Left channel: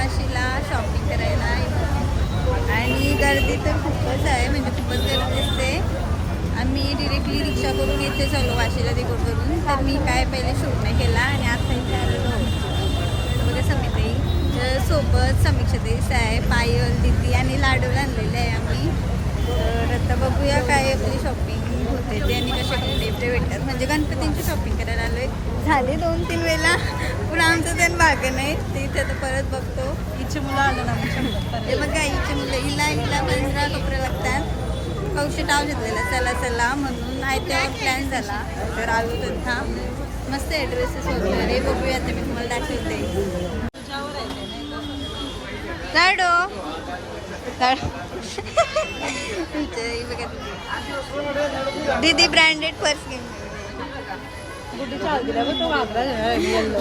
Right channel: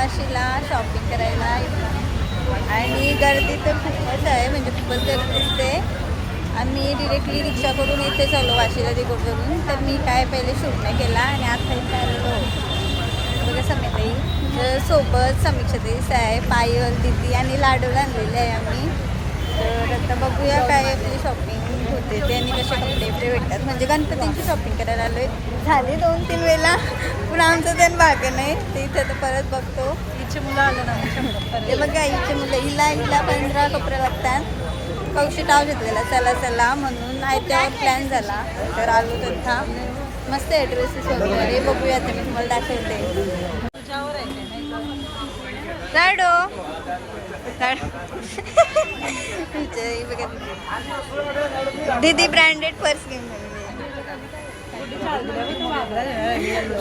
वाशीला shopping करायला इथं आणि गर्दी तर खूपच आहे, म्हणजे खूपच गर्दी दिसते. आम्ही डिरेक्टली रिक्षा करून इथे चाललो वाशीला तिकडून. तर मी काय पहिले शूट नाही केला आणि आता इथे आलेलो. बघा समीताई सोबत समीक्षाताईच आहे, पायल दिदी आणि लाडू आणलेले आहे आम्ही. तर आता बघूया काय आपली शॉपिंग होते ते आणि कसे कपडे भेटतात. म्हणजे गणपतींची शॉपिंग करायला आलोय. झाली 2-3 वेळा पण आमचं त्यानं भागं नाही. ते इथे तर परत बघतो. इथे मुलं आलं ना हे बघा, इथे मुलं हिला 15 कपडे लागतात. कौशी टाव घेतलेला चला म्हणून आयत्यावर प्लॅन झाला. तर आलो तथा मस्त आहे ड्रेसेस वगैरे. बघूया आता मी तुम्हाला दाखवते. दीदी ब्रँडेड पर्स घेऊन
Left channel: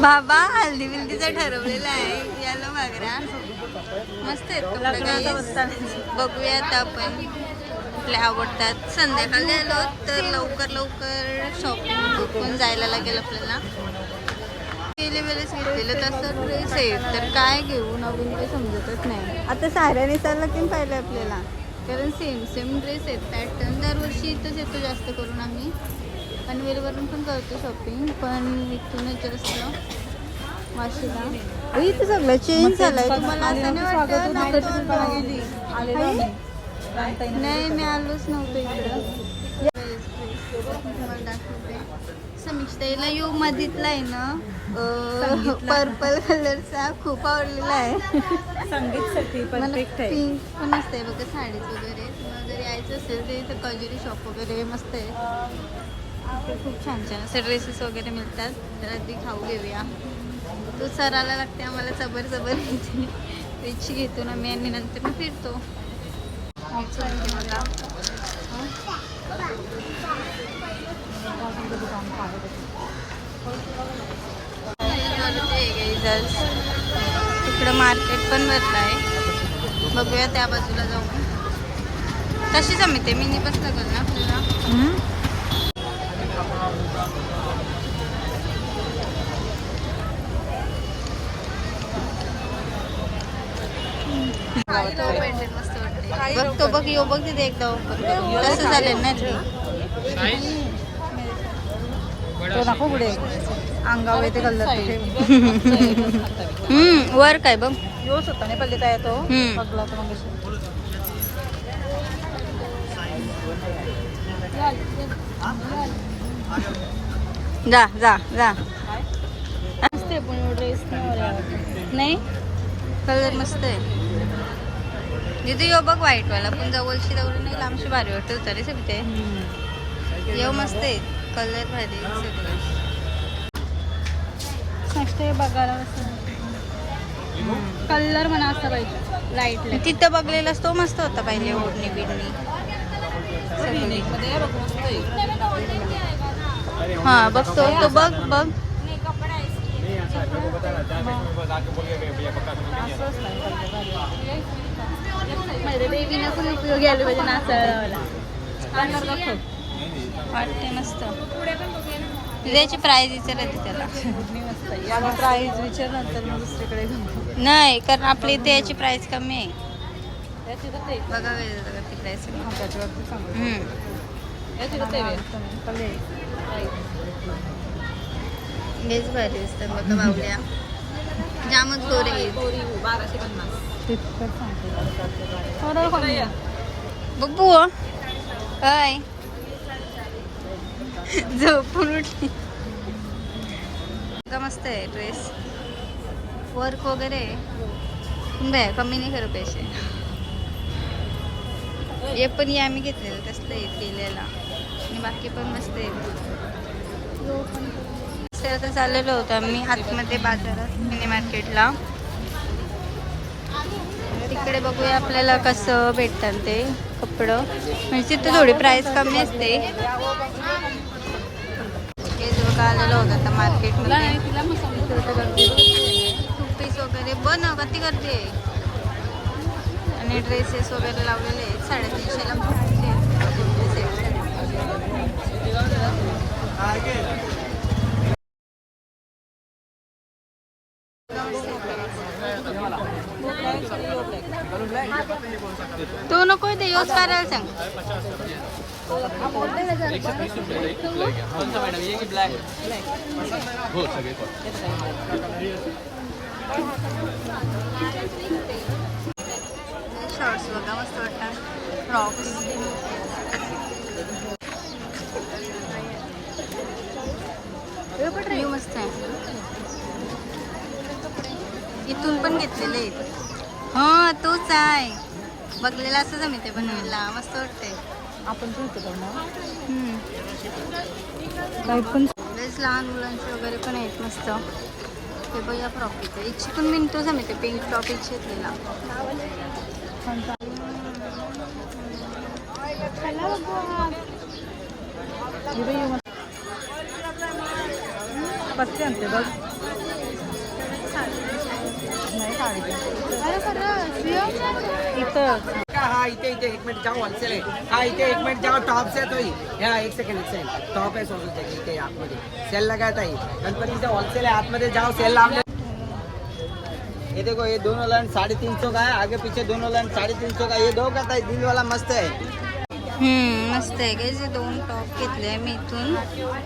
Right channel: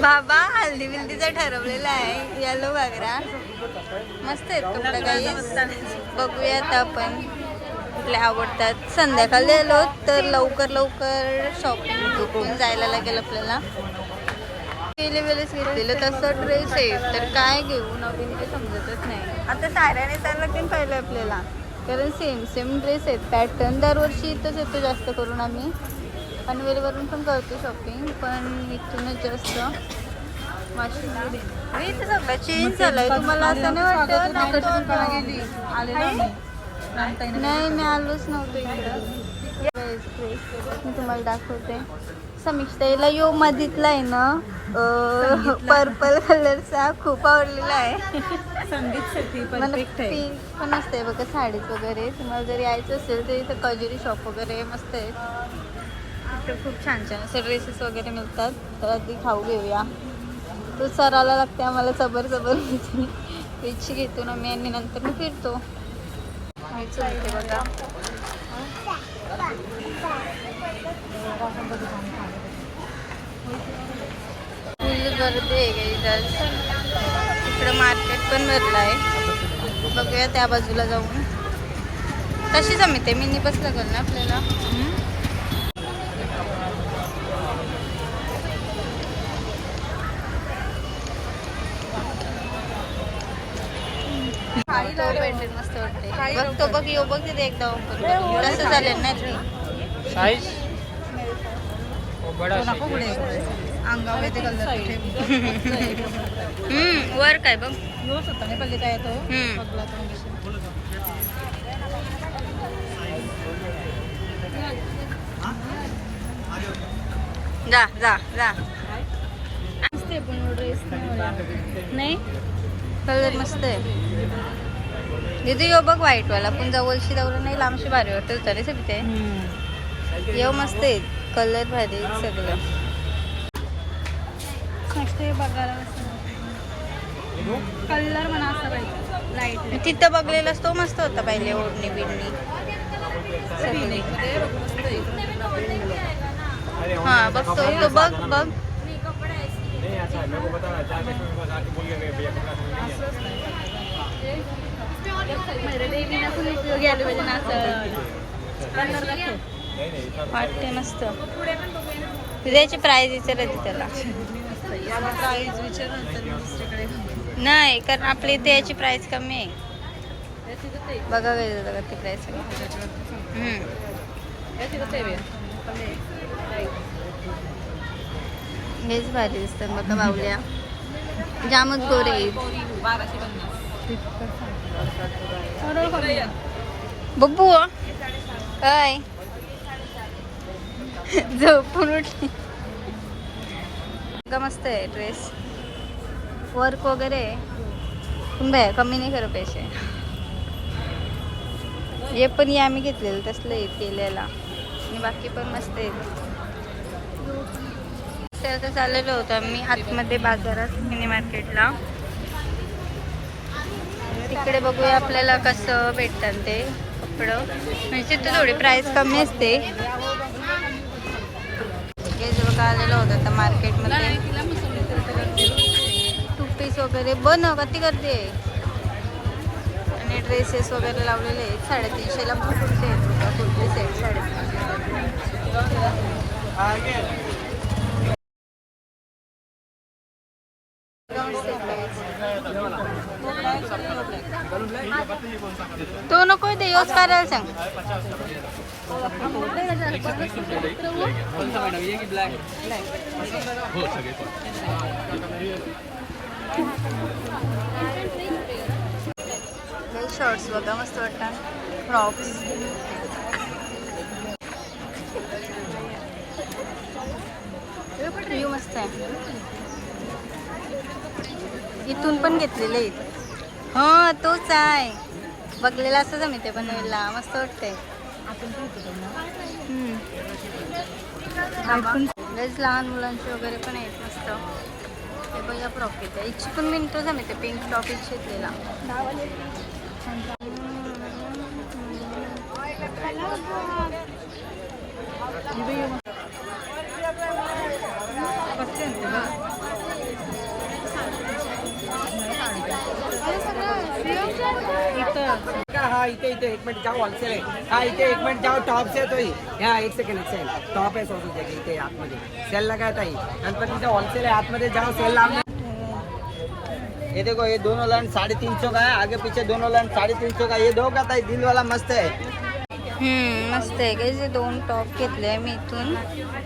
बाबा हल्दी बिल्दीचा ठरवलेला आहे. येलो घागरा मस्त आहेत कपडे काही. बघूया आता आपण कुठले आवडतात. संध्याकाळी आलो तर लवकर शॉपिंग पण जायला लागेल आपल्याला. गेले वेळेस घेतलेलं तसं ड्रेस आहे तर काय घेऊ नवीन काही समजतच नाही. आता साड्या नेसायला पण पाहिलं आपल्याला, कारण सेम ड्रेस आहेत पॅटर्न. दरवर्षी इथंच येतो जास्त करून आम्ही. पनवेलवरून पण करतो शॉपिंग, पण इथूनच जास्त वाशीला. इथं सगळं चेंज झालंय. तुम्हाला असं नाही वाटतं? नाही मी आलोच नव्हतो इकडं. तुम्हाला दाखवते. समीक्षाताईला यो मधीतला आहे ना पर्पल कलरचा खूप आवडलेला आहे. पिंक पण असते बघा साडीज वगैरे. तुम्हाला जर यायचं असेल तर इथं कजरी शॉप वगैरे मस्त आहे. इथं खूप छान असे ड्रेसेस वगैरे मिळतात. तर आधी खाऊ घेऊया. तो सराला लागते आम्हाला सबर रिची घेतो ना मी आणि नंतर मी फिरतो. मी चुलते बघा. गर्दी आहे काही. तिकडं मार्केट पण भरलं आहे. बघूया त्या बाजूला जाऊन. कशी जमते मिनी बस लागल ना आपल्याला. मस्त वाटते. बघतो बघ यो बघ तिथे एकदा ओपन करून तसं चालेल ना. अंगावर ते वर काय बघ जा जा जा. नाही कलर मस्त आहे. दीदी यो बघ व्हाईट वाला पण जवळशी नाही लांबशी भारी वाटत तरी सगळे. येऊ मस्त आहे कलर भारी सगळं. कलर म्हणा असं पाहिजे लाईट. तिथं बघलेलास तो मस्त होता पहिले. ओढणी बिडणी हा बघतो तो बघ बघ. वाटते मस्त. त्याची प्राईज विचारायची त्याला. नाही कारण आपल्या इथे याची प्राईस कमी आहे. बघा ती प्राईस बेस भारी दिसतात बघा. बावल्या जामच गोरे आहेत. बब्बू काय झोपून उठली. मस्त आहे ड्रेस. वर्क वगैरे कमी नाही खरं पैसे. हे पण आम्ही घेतलेलं तसलं केलेला आणि बाकी पण मस्त आहे. तर चाललेलो होतं आम्ही आतमध्ये बाजारात मिनी मार्केटला. तिकडे बघूया आपल्याला कसं भेटतात ते कपडं. म्हणजे तिथं थोडी प्राईस कमी असते. हे जे बघा आलेलं होतं आता मार्केटमध्ये. टू पीस वगैरे बनव किती गर्दी आहे. आणि ड्रेसेस वगैरे लावलेले आहेत. 350ला पण कुर्ते आहेत. कुर्तीच आहेत 350. तो नको ते योच करायला सांग. शॉर्ट्स बघा मस्त वाटतात. फ्रॉक्स मस्त आहे. इथून पण घेतलेले आहेत. हा तोच आहे बघलेला असं मी ते बनवायला मस्त वाटतंय. आपण लहान मुलांचे वगैरे पण आहेत मस्त. ते बघा फ्रॉक इथे इच्छी पण मी तोच मी ते पिंक टॉप इच्छा घेतलेला. हा इथे 1 मिनिट जाओ होलसेल आहे. हा इथे 1 मिनिट जाओ टॉप से तो ही. हा 1 सेकंड टॉप आहे सोडून इथे आतमध्ये सेल लगाया था. नंतर तिथे होलसेल आहे आतमध्ये जाओ सेल लावले. ये देखो ये दोनों लाइन 350 का है. आगे पीछे दोनों लाइन 350 का. ये दो का था दिल वाला मस्त है. मस्त आहे काय. जे 2 टॉप घेतले मी इथून.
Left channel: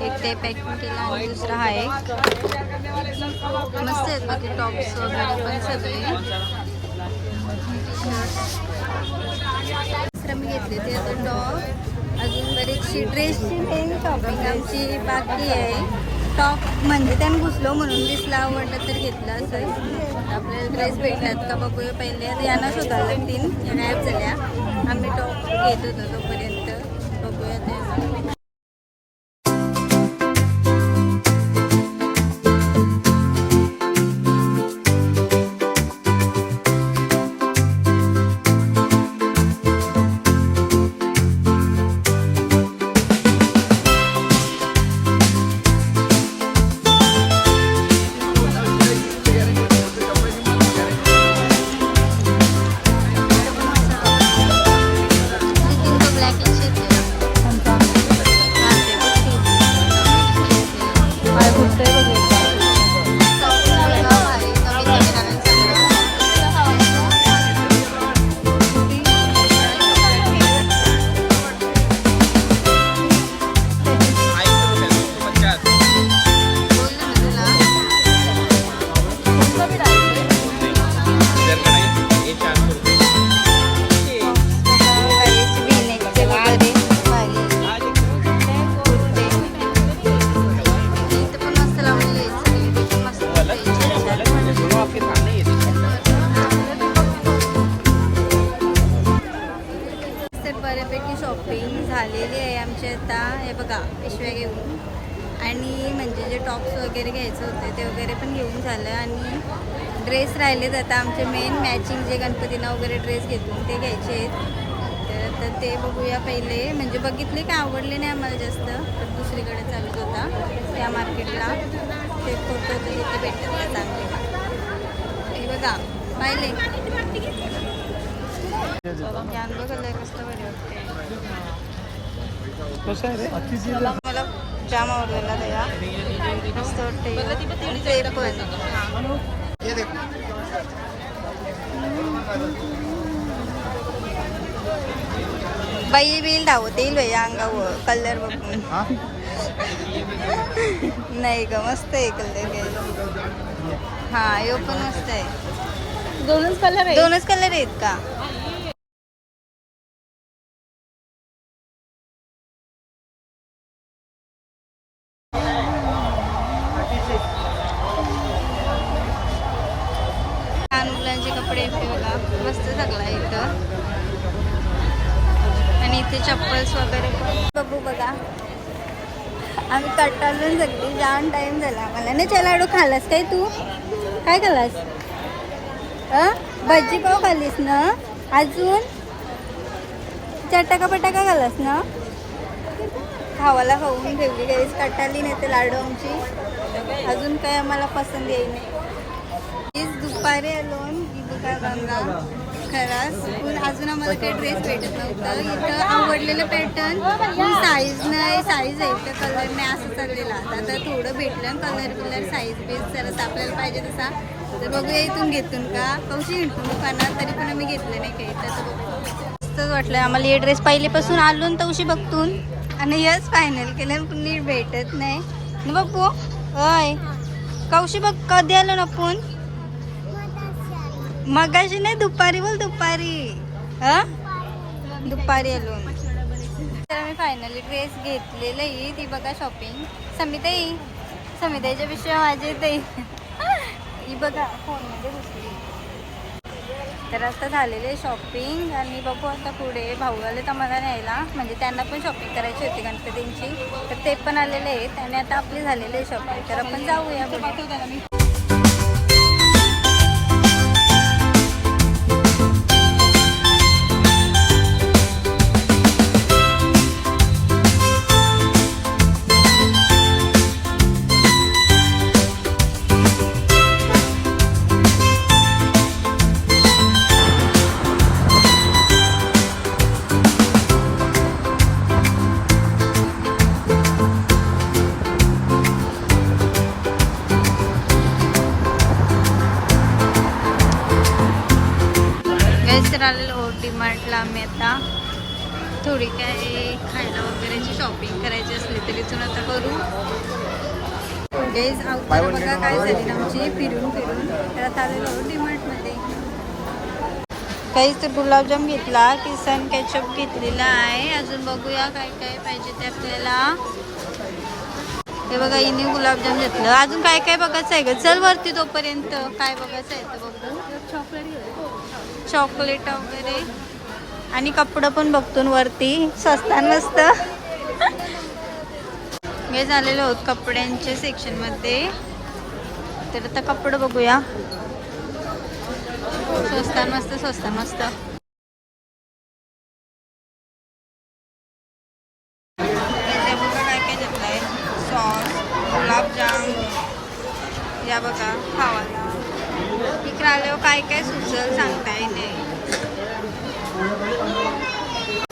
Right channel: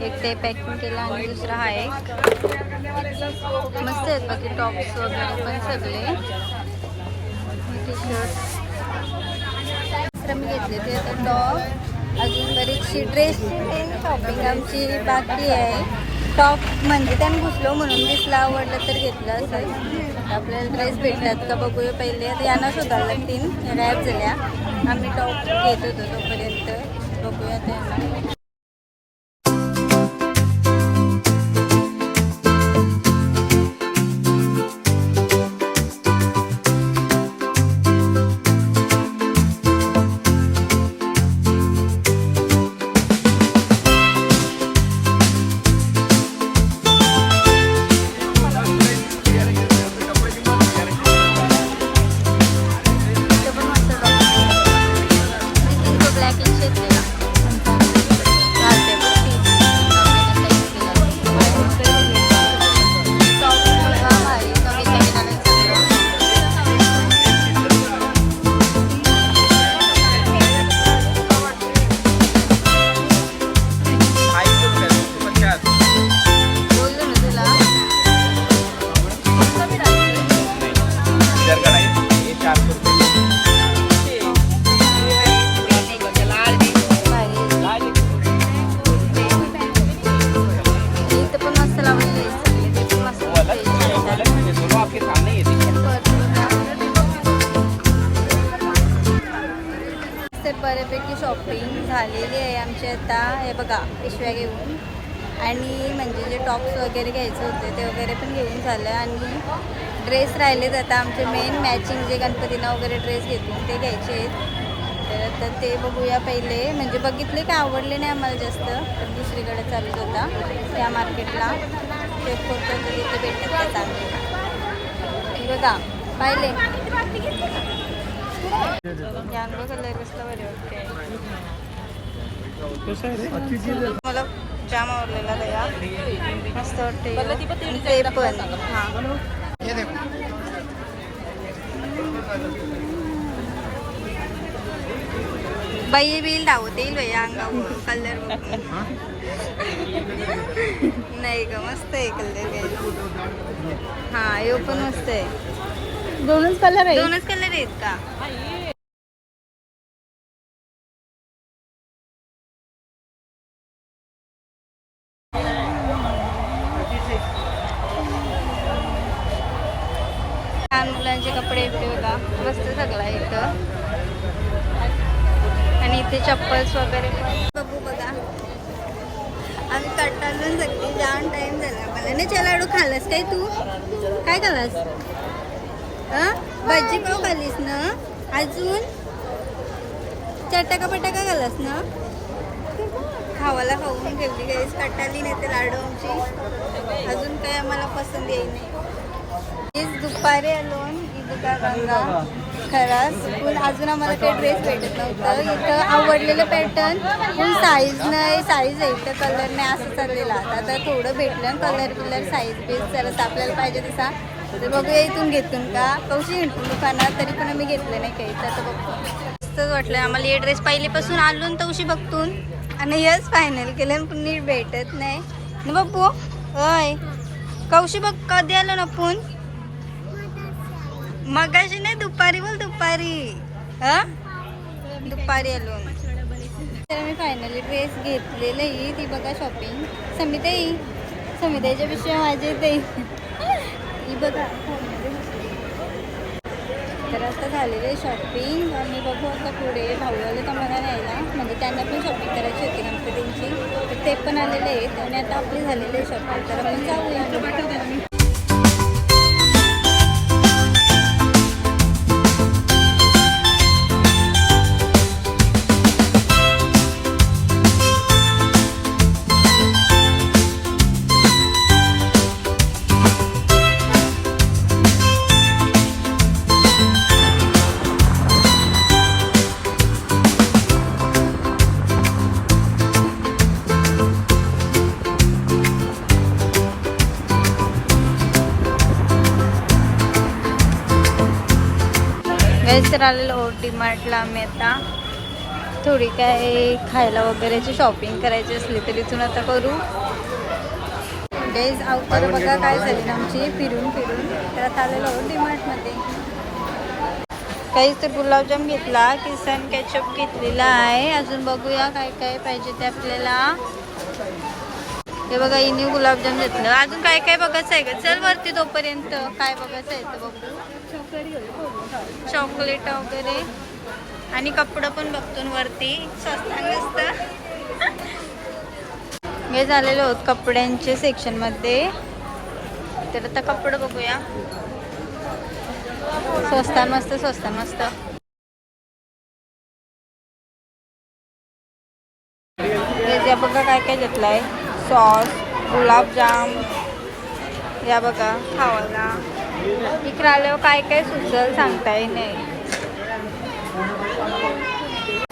एक ते पॅकिंग केला आणि दुसरा हा एक. मस्त आहेत बाकी टॉप्स वगैरे पण सगळे. टी शर्ट दुसरं मी घेतले ते आता टॉप. अजून बरीचशी ड्रेसची शॉपिंग आमची बाकी आहे. टॉप म्हणजे त्यानं घुसलो म्हणून दिसला आवडलं तर घेतलं. असं आपल्याला ड्रेस भेटतात का बघूया पहिले. आता यांना शोधायला लागतील. या गायब झाल्या. आम्ही टॉप घेत होतो तोपर्यंत बघूया त्यांना. बऱ्यापैकी शॉपिंग झालेली आहे आमची आता. हे बघा पिशव्या घेऊन आणि म्हणजे जे टॉप्स वगैरे घ्यायचे होते ते वगैरे पण घेऊन झालं. आणि ड्रेस राहिलेत आता आमचे मेन मॅचिंग जे गणपतींना वगैरे ड्रेस घेतो ते घ्यायचे आहेत. तर आता ते बघूया पहिले. म्हणजे बघितले काय आवडले नाही आम्हाला जास्त. तर दुसरीकडे चालूच होता त्या मार्केटला. ते फोटो तर तिथे भेटतात का चांगले. हे बघा पाहिले जांभळा कलर कसला बरे वाटते. मला जाम आवडलेला दया मस्त वाटते. ते पण हां बाई बिल धावत येईल बाई अंगावर कलर बघून. नाही ग मस्त आहे कलर घ्यायला. हा यो पण मस्त आहे. दोनच कलर आहेत का. लहान मुलांचे कपडे येते बघा मस्त सगळा इथं. आणि इथे चप्पल्स वगैरे पण बघू बघा. आम्ही कट्टालून सगळी जाम टाइम झाला आम्हाला. ना चला लाडू खाल्लास काय तू. काय खाल्लास. भजी पाव खाल्लीस ना. अजून चटाका पटाका खाल्लास ना. खावाला खाऊन ठेवली काहीच कट्टाली नाही ते लाडू आमची. अजून काय आम्हाला पसंत येई नाही. दुपारी आलो बघा गंगा खरास पण अजून आम्हाला काही ड्रेस भेटत नव्हतं. इथं आवडलेलं पॅटर्न पण साईज नाही. साईज आहे तर कलर नाही असं चाललेलं. आता थोडं भेटलं कलर बिलर साईज बीज जरा आपल्याला पाहिजे तसा तर बघूया इथून घेतून का कौशी हिंडून दुकानात, तरी पण आम्ही घेतले नाही काही. त्याचं बघतो मस्तच वाटलं आम्हाला हे ड्रेस. पहिलेपासून आलो ना तवशी बघतून आणि हेच फायनल केलं, पण नीट भेटत नाही ना बघू. होय कौशी बघ कधी आलो ना आपण, मगाशी नाही दुपारी, बोल दुपारी. हा दुपारी आलो. तर आम्ही फायनली ड्रेस घेतलेलं आहे. ती बघा शॉपिंग समिताई, समिताईच्या पेक्षा माझे ते ही बघा फोनमध्ये घुसली. तर आता झालेले शॉपिंग आणि बघू आता पुढे. भाऊ आले तर मला न्यायला, म्हणजे त्यांना पण शॉपिंग करायची होती गणपतींची, तर ते पण आलेले आहेत आणि आता आपली झालेली आहे शॉपिंग. तर आपण जाऊया. तर आलेलो डीमार्टला आम्ही. आता थोडी काय खायला वगैरेची शॉपिंग करायची असली तरी इथून आता करू. गाईज अवतार बघा काय झाली ना आमची फिरून फिरून. तर आता आलेलो डीमार्टमध्ये. काहीच तर गुलाबजाम घेतला, किसन केचप घेतलेला आहे. अजून बघूया काय काय पाहिजे ते आपल्याला. हे बघा हिने गुलाबजाम घेतलं. अजून काय काय बघायचं आहे ग, चल वरती तोपर्यंत. काय बघायचं आहे तर बघू. चॉकलेट वगैरे आणि कपडं पण बघतो वरती, स्वस्तात मस्त. हे झालेलं होत कपड्यांच्या सेक्शन मध्ये. तर आता कपडं बघूया. स्वस्तात मस्त, स्वस्तात मस्त. या बघा काय काय घेतलंय. सॉस, गुलाबजाम, या बघा खावाला. इकडे आल्यावर काय काय सुचल सांगताय नाही.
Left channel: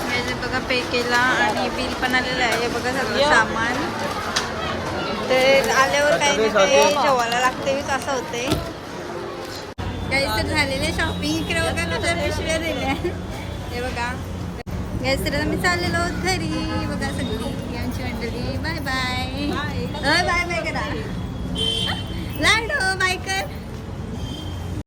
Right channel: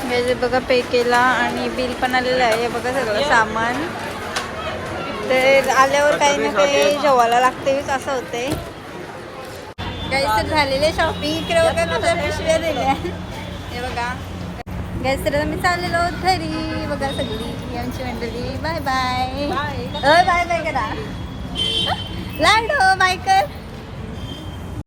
हे बघा पे केला आणि बिल पण आलेलं आहे. हे बघा सगळं सामान. तर आल्यावर काही ना काही जेवायला लागते असं होते. काही तर झालेले शॉपिंग. इकडे बघा कशा पिशव्या दिल्या. हे बघा गॅस तर मी चाललेलो घरी. बघा सगळी आमची मंडळी. Bye bye. बाय बाय करा. लाडो बाय कर.